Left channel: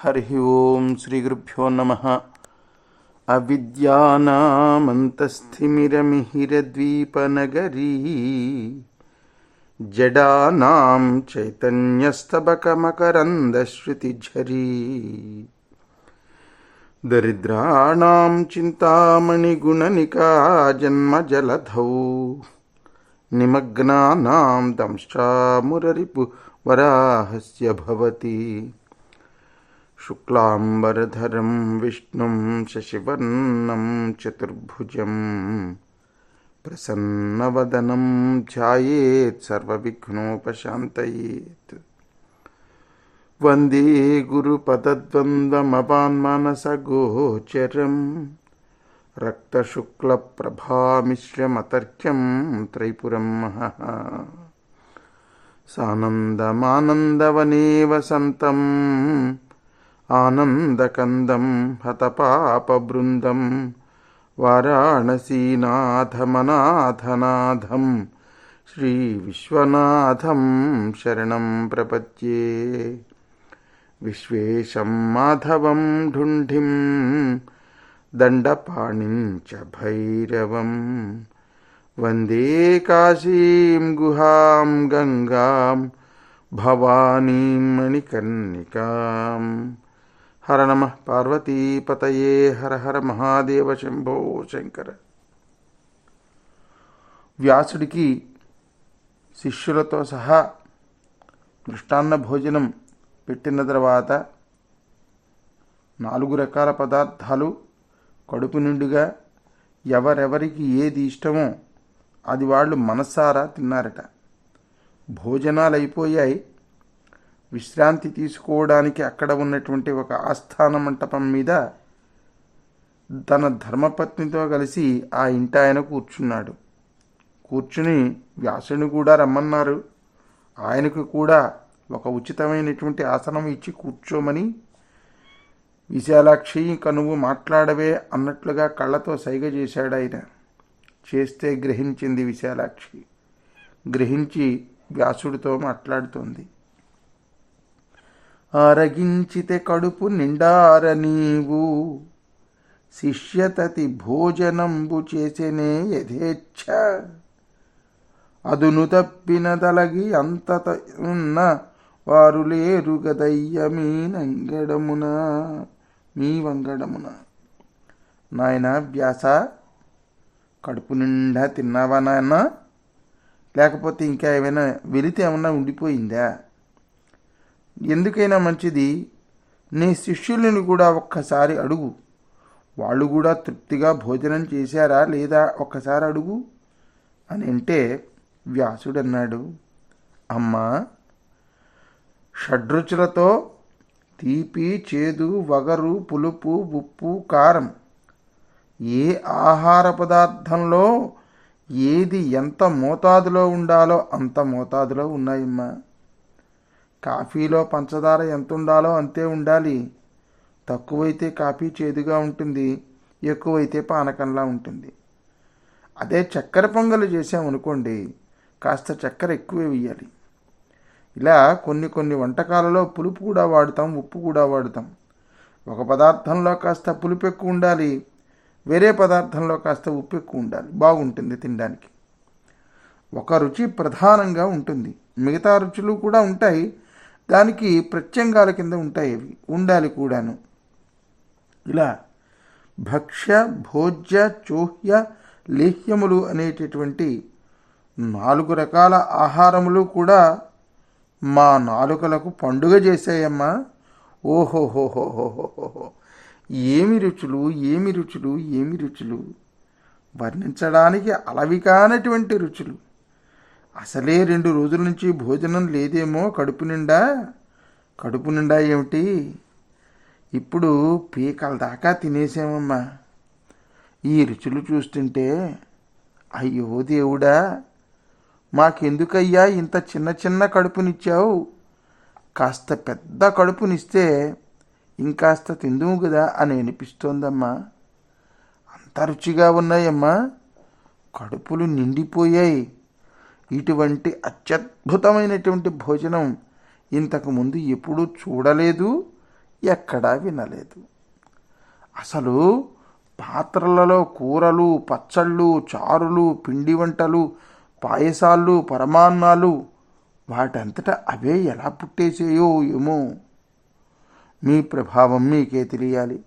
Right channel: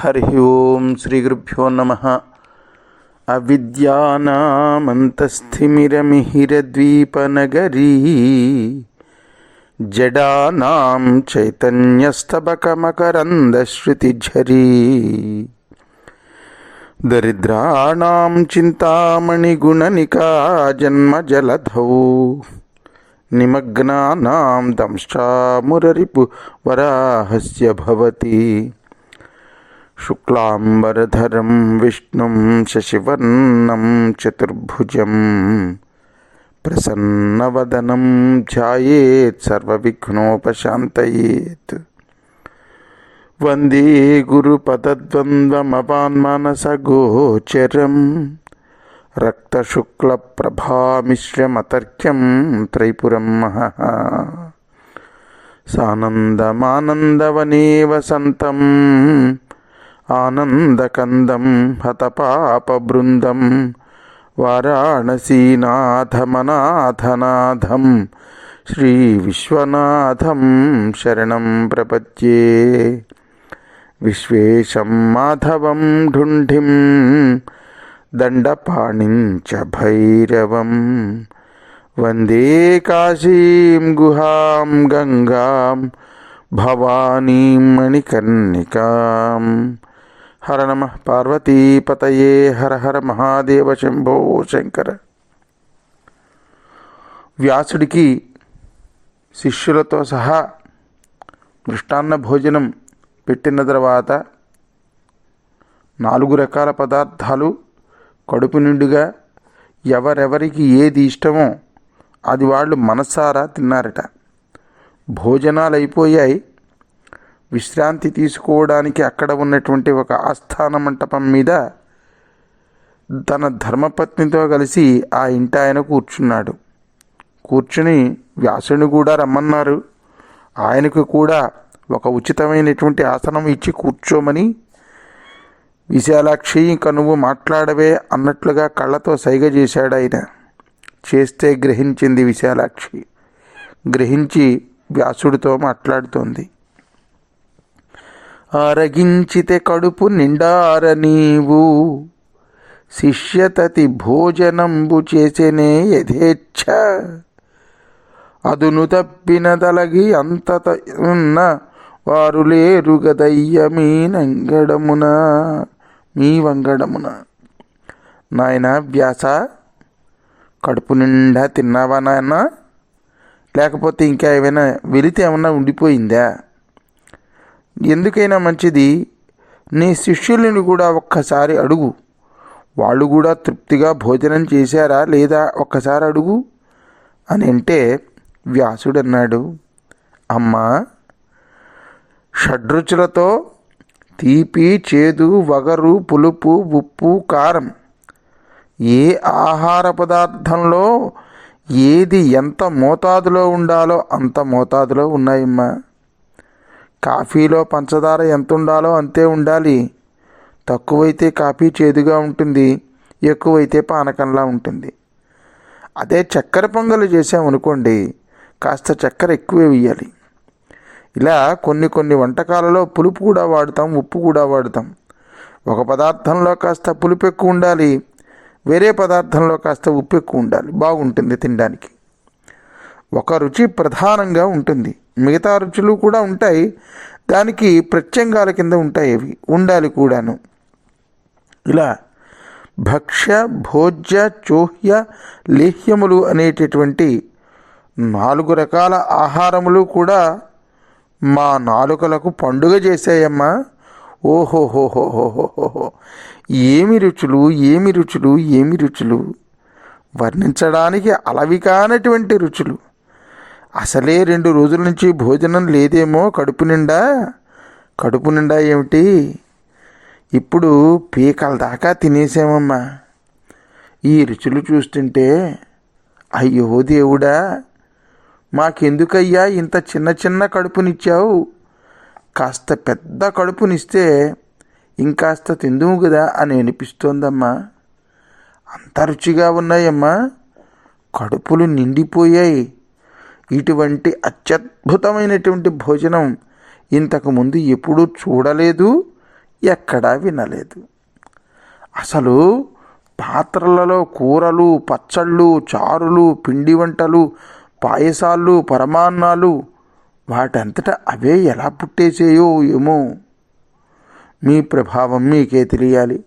హరి ఓం శ్రీ గురుభ్యో నమః. అవిద్యానామంతస్థిమిరమిహిరద్వీపనగరీ జడానాం చైతన్యస్తబకమకరందశ్రుతిఝరీ దరిద్రాణాం చింతామణిగుణనికా జన్మజలధౌ నిమగ్నానాం దంష్ట్రామురరిపు వరాహస్య భవతి. శుక్లాంబరధరం విష్ణుం శశివర్ణం చతుర్భుజం ప్రసన్నవదనం ధ్యాయేత్ సర్వవిఘ్నోపశాంతయేత్. వందే గురుపదద్వంద్వమపాన్మానసగోచరం రక్తశుక్లప్రభామిశ్రమతర్క్యం త్రైపురం మహః. సానందమానందవనే వసంతం ఆనందకందం హతపాపబృందం వారాణసీనాథమనాథనాథం శ్రీవిశ్వనాథం శరణం ప్రపద్యే. విశ్వేశం మాధవం ఢుంఢిం దండపాణిం చ భైరవం వందే కాశీం గుహాం గంగాం భవానీం మణికర్ణికాం. హర నమః పార్వతీపతయే. హర హర మహాదేవ శంభో శంకర. వ్యాసుడికి శిష్యులతో సహా మృష్టాన్న భోజనం పెట్టిన తర్వాత 4 రకాల పదార్థాలు కడుపు నిండుగా ఎవరెవరికి ఏది ఇష్టమో అది వాళ్ళు మనసారా తిన్నారట. భోజనాలు అయిపోయాయి. విశ్రాంతి తీసుకోవడానికి అక్కడ ఉన్నటువంటి ఒక ఆస్థాన మంటపం మీద తన ధర్మపత్నితో కలిసి ఆ ఇంటి ఆయన కూర్చున్నాడు. కూర్చుని వ్యాసుని కూడా రమ్మన్నారు. ఆయనకు కూడా ఒక ఉచితమైనటువంటి ఆసనం ఇచ్చి కూర్చోమని, విశాలాక్షి ఇంక నువ్వు మాట్లాడవే అన్నట్లుగా కళ్ళతో సైగ చేశాడు ఆయన. చేస్తే గ్రహించింది విశాలాక్షి. గ్రహించి వ్యాసుడితో మాట్లాడుతోంది. ఆరగించితే కడుపు నిండార నీవు శిష్యతతి భోజనంబు చేసేనే యథేచ్ఛ అదును తప్పిన తలగి అంతత ఉన్న వారు లేరు గదయ్య మీ వంగడమున. నాయన వ్యాస, కడుపు నిండా తిన్నావా నాయన? లేకపోతే ఇంకా ఏమైనా వెలితి ఏమన్నా ఉండిపోయిందా? ఎందుకైనా మంచిది నీ శిష్యులను కూడా ఒక్కసారి అడుగు. వాళ్ళు కూడా తృప్తిగా భోజనం చేశారా లేదా ఒక్కసారి అడుగు అని అంటే వ్యాసుడు అన్నాడు, అమ్మా, షడ్రుచులతో తీపి, చేదు, వగరు, పులుపు, ఉప్పు, కారం ఏ ఆహార పదార్థంలో ఏది ఎంత మోతాదులో ఉండాలో అంత మోతాదులో ఉన్నాయమ్మా. కాఫీలో పంచదార ఎంత ఉండాలో అంతే ఉండాలి. తక్కువైతే కాఫీ చేదుగా ఉంటుంది, ఎక్కువైతే పానకంలా ఉంటుంది. అదే చక్కెర పొంగలు చేసామనుకోండి, కాస్త చక్కెర ఎక్కువే వేయాలి. ఇలా కొన్ని వంటకాలలో పులుపు కూడా వాడుతాం, ఉప్పు కూడా వాడుతాం. ఒక పదార్థంలో కాస్త పులుపు ఎక్కువ ఉండాలి, వేరే పదార్థంలో కాస్త ఉప్పు ఎక్కువ ఉండాలి, బాగుంటుంది తినడానికి. ఒక రుచి ప్రధానంగా ఉంటుంది, మిగతా రుచులు కూడా ఉంటాయి, దానికి ప్రత్యంగాల కింద ఉంటాయి, అవి ఉండాలి కూడాను. ఇలా భక్ష్య, భోజ్య, చోహ్య, లేహ్యములు అనేటటువంటి 4 రకాల ఆహారములు కూడా మా నాలుకలకు పండుగ చేశాయమ్మా. ఓహోహోహోహోహోహో, ఏమి రుచులు, ఏమి రుచులు, ఏమి రుచులు! వర్ణించడానికి అలవి కానటువంటి రుచులు. అసలే 2 రోజుల నుంచి భోజనం లేదేమో కడుపు నిండా ఏమిటి, ఇప్పుడు పీకల దాకా తినేసామమ్మా. ఈ రుచులు చూస్తుంటే అయ్యో దేవుడా, మాకెందుకయ్యా ఇంత చిన్న కడుపునిచ్చావు? కాస్త పెద్ద కడుపునిస్తే ఇంకాస్త తిందుము కదా అని అనిపిస్తోందమ్మా. అంత రుచిగా ఉన్నాయమ్మా, కడుపులు నిండిపోయాయి. ఇటువంటి అత్యద్భుతమైనటువంటి భోజనం ఇంతకుముందు ఎప్పుడూ చూడలేదు, ఎక్కడా వినలేదు. అసలు పాత్రలలో కూరలు, పచ్చళ్ళు, చారులు, పిండి వంటలు, పాయసాలు, పరమాన్నాలు వాటంతటా అవే ఎలా పుట్టేసేయో ఏమో. మీ ప్రభావం మీకే తెలియాలి.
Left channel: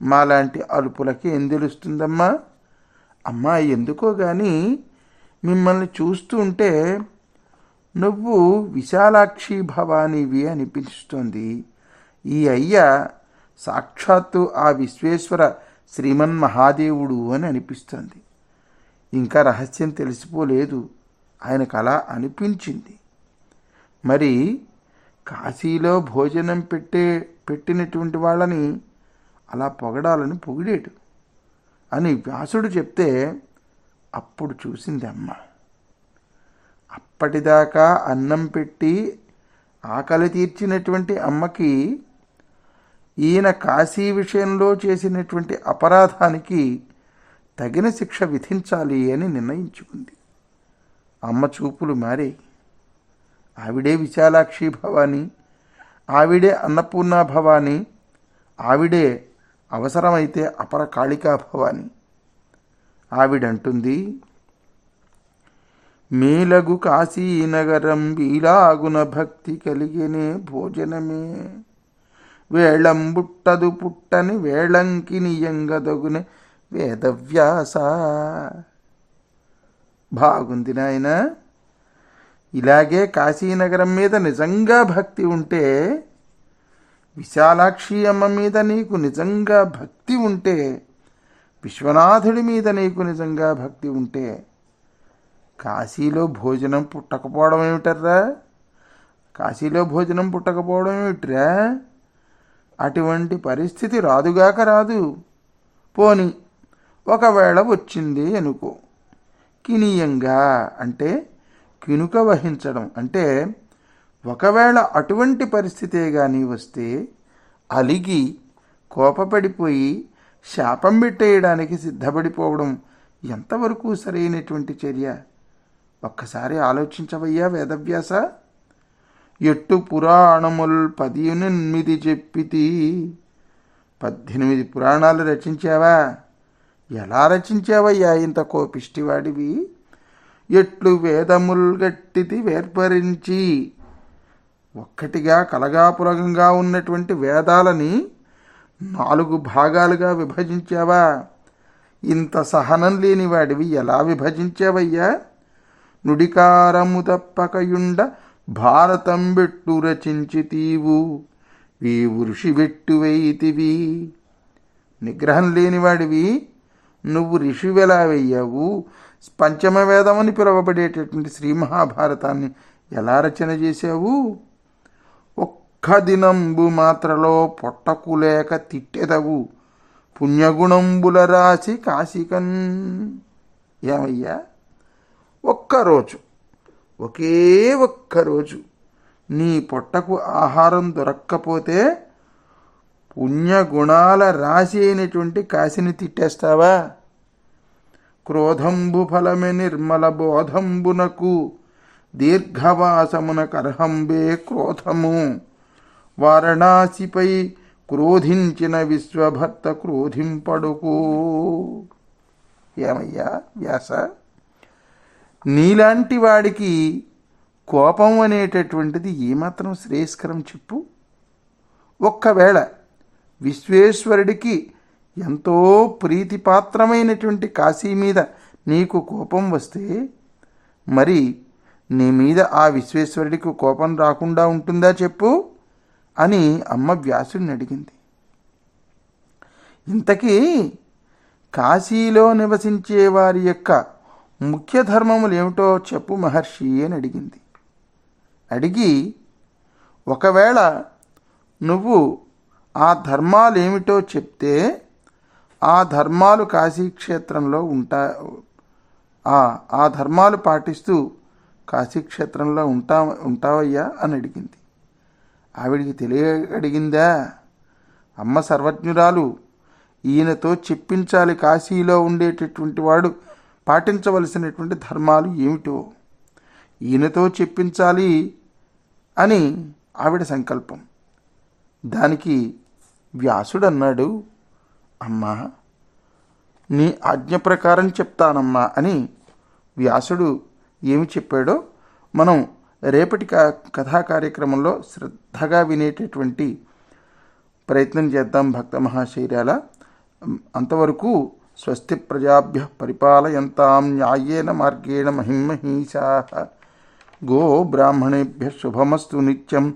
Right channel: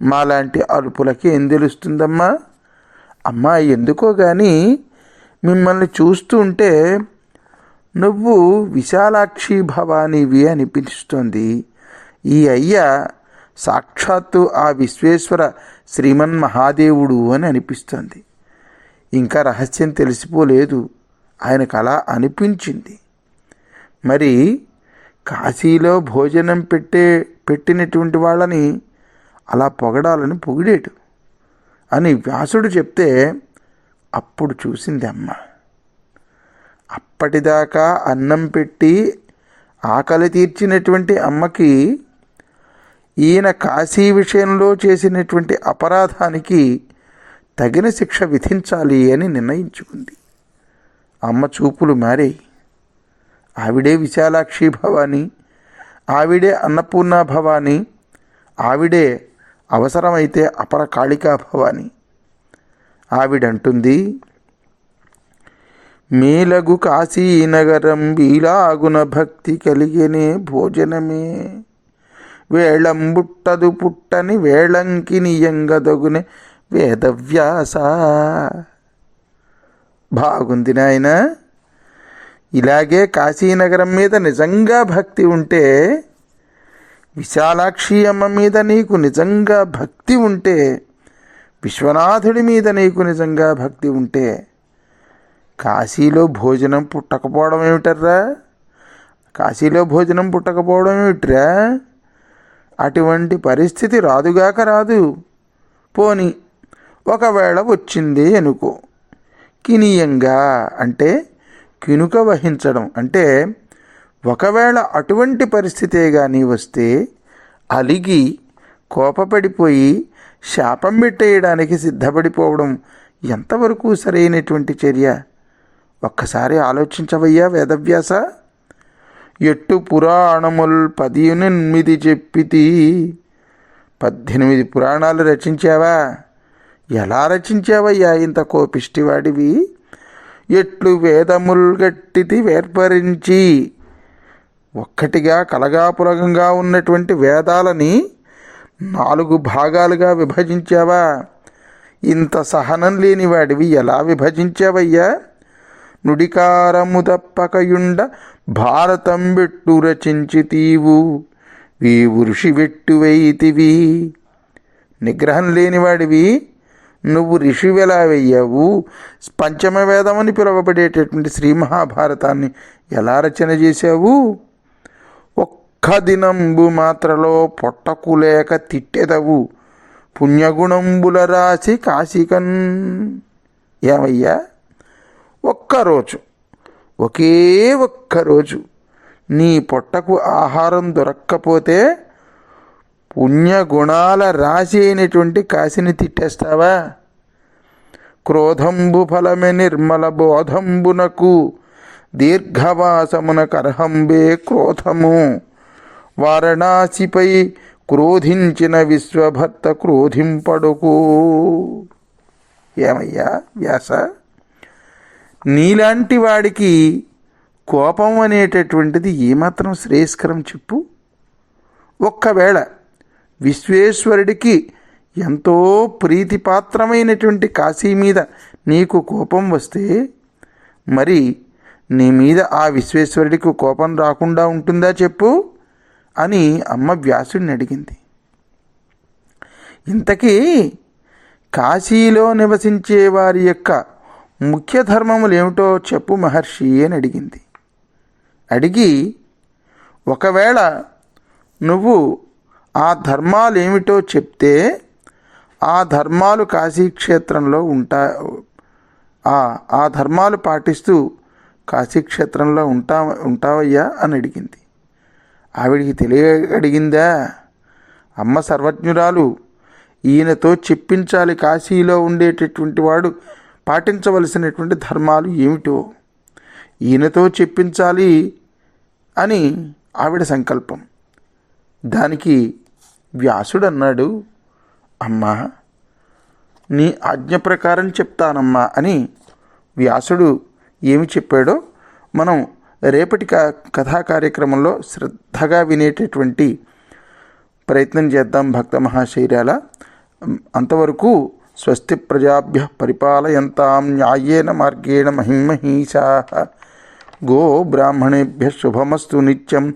మాలాంటి అలుపులకి ఏం తెలుస్తుందమ్మా? అమ్మా, ఎందుకో కానీ మిమ్మల్ని చూస్తూ ఉంటే నువ్వు విశాలాక్షి భవానివి అనిపిస్తోంది. ఈ అయ్య సాక్షాత్తు ఆ విశ్వేశ్వర శ్రీమన్మహాదేవుడు అని అనిపిస్తుంది. ఇంకా రహస్యం తెలిసిపోలేదు, ఆయనకు అలా అనిపించింది. మరి కాశీలో భోజనం పెట్టినటువంటి వాళ్ళని అలా పొగడాలని పొగిడేటు అని వ్యాసుడు చెప్తే అప్పుడు చూసింది అమ్మ. అప్పటిదాకా అన్నం పెట్టి ఆకలి తీర్చినటువంటి అమ్మకి ఈయన కాశీ విషయంలో చేసినటువంటి అపరాధానికి తగిన శిక్ష విధించాలి అని నిర్ణయించుకుంది. అమ్మ చూపులు మారాయి. ఆవిడే విశాలాక్షి భవాని, ఆవిడే అన్నపూర్ణ భవాని, ఆవిడే అవసరమైతే అపర కాళికా భవాని. ఆవిడంటుంది, మేలగు కాశీనగరం వీలాగున భక్తి కలిగేనే భోజనమే, వేళంబుట్టదు పుట్టని వేళంకి నియంగదగునే వేదవ్యాస. బాగుంది నాయన. ఇలాగే కాశీనగరం మీద నిజంగా భక్తి ఉంటే, విశాలాక్షి అమ్మ మీద నీకు నిజంగా భక్తి ఉంటే, విశ్వనాథుడి మీద నీకు నిజంగా భక్తి ఉంటే కాశీలో భోజనం పుట్టకపోవడం ఏమిటర్రా? కాశీలో భోజనం పుట్టకపోవడం ఏమిట్రా? అటువంటి పరిస్థితి రాదుగాక రాదు. పోని ఒకవేళ వచ్చింది అనుకో, కినీయంగా అంటే కినుక వహించడం అంటే ఒకవేళ అటువంటి పరిస్థితే కానీ వస్తే అలిగి కోపపడిపోయి శాపం పెట్టేయడానికి సిద్ధపడిపోవడం ఎంతవరకు సరైనటువంటి చర్య? ఒక్కసారి ఆలోచించవయ్యా వేదవ్యాస. ఎట్టు పురాణముల్ 18 చెప్పితి. 18 పురాణాలు రచించావా? ఎలా రచించావయ్యా ఇంత కోపిష్టివాడివి? ఎట్లు వేదముల్ గట్టితి వేర్పరించి. ఒక్కటిగా కలగాపులగంగా ఉన్నటువంటి వేదాలని 4 భాగాలుగా విభజించావా? ఇంత సహనం లేనివాడివి ఎలా విభజించావయ్యా? నుడికారము తప్పకయుండ భారతం బెట్టు రచించితీవు, వీవు ఋషి వెట్టువైతివి. నిగ్రహం లేనివాడివి నువ్వు ఋషివెలా వెయ్యావు? పంచమ వేదమని పిలువబడేటటువంటి శ్రీ మహాభారతాన్ని ఎలా రచన చేశావు? ఒక్క దినంబు మాత్రలో పొట్టకు లేక తిట్టెదవు, పుణ్యగుణంబుల రాసి కాశికన్. ఏమయ్యా, ఒక్కరోజు, ఒకే ఒక్కరోజు నీ పొట్టకు ఆహారం దొరక్కపోతే పుణ్యగుణాల రాశి అయినటువంటి కాశీని తిట్టేస్తావా? క్రోధంబు ఫలమే నిర్మల బోధంబునకు, దీర్ఘవాసమున కర్హంబే క్రోధము. వారణాసిపై క్రోధించిన విశ్వభర్త క్రోధింపడుకు. ఏమయ్యా వ్యాస, నీలాంటి వాడికి కోపం అనేటటువంటిది ఏమాత్రం శ్రేయస్కరం చెప్పు? ఒక్కవేళ విశ్వేశ్వరుడికి ఎంతో ప్రీతిపాత్రమైనటువంటి కాశీ మీద నీకు కోపం వస్తే మరి నీ మీద ఆ విశ్వేశ్వరుడికి కోపం రాకుండా ఉంటుందా చెప్పు అని అమ్మ వ్యాసుడిని అడిగింది. ఇంతకీ కాశీలో నివసించే వారి యొక్క ముఖ్య ధర్మములు ఏమిటో చెప్పు మహర్షి అని అడిగింది. అడిగి ఒకవేళ నువ్వు ఆ ధర్మాలు ఏమిటో చెప్తే ఆ ధర్మాలు కాశీక్షేత్రంలో ఆ ధర్మాలు పాటిస్తూ కాశీక్షేత్రంలో ఉంటావయ్యా అని అడిగింది. ఆవిడికి అడిగిందా? అమ్మ సర్వజ్ఞురాలు, ఈయనతో చెప్పించాలి కాశీలో ఉండేటటువంటి వాడు పాటించవలసినటువంటి ధర్మాలు ఏమిటో ఈయనతో చెప్పించాలి అని ఆవిడ సంకల్పం. దానికి వ్యాసుడన్నాడు, అమ్మా నీ ఆజ్ఞ ప్రకారం చెప్తానమ్మా అని వ్యాసుడు ఏమి చెప్పాడో మనం రేపటి కథా కార్యక్రమంలో శ్రద్ధగా వినేటటువంటి ప్రయత్నం చేద్దాం భక్త మహాశైర్యాల. అంతవరకు స్వస్తి ప్రజాభ్య పరిపాలయంతాం న్యాయేన మార్గేణ మహిమహీషాః. గో బ్రాహ్మణేభ్య శుభమస్తు నిత్యం.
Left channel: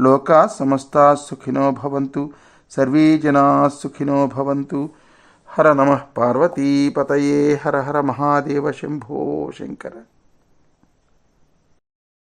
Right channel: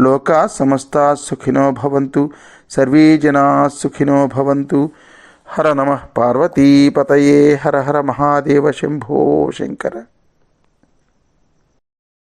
లోకా సమస్తా సుఖినో భవంతు. సర్వే జనా సుఖినో భవంతు. హర నమః పార్వతీపతయే. హర హర మహాదేవ శంభో శంకర.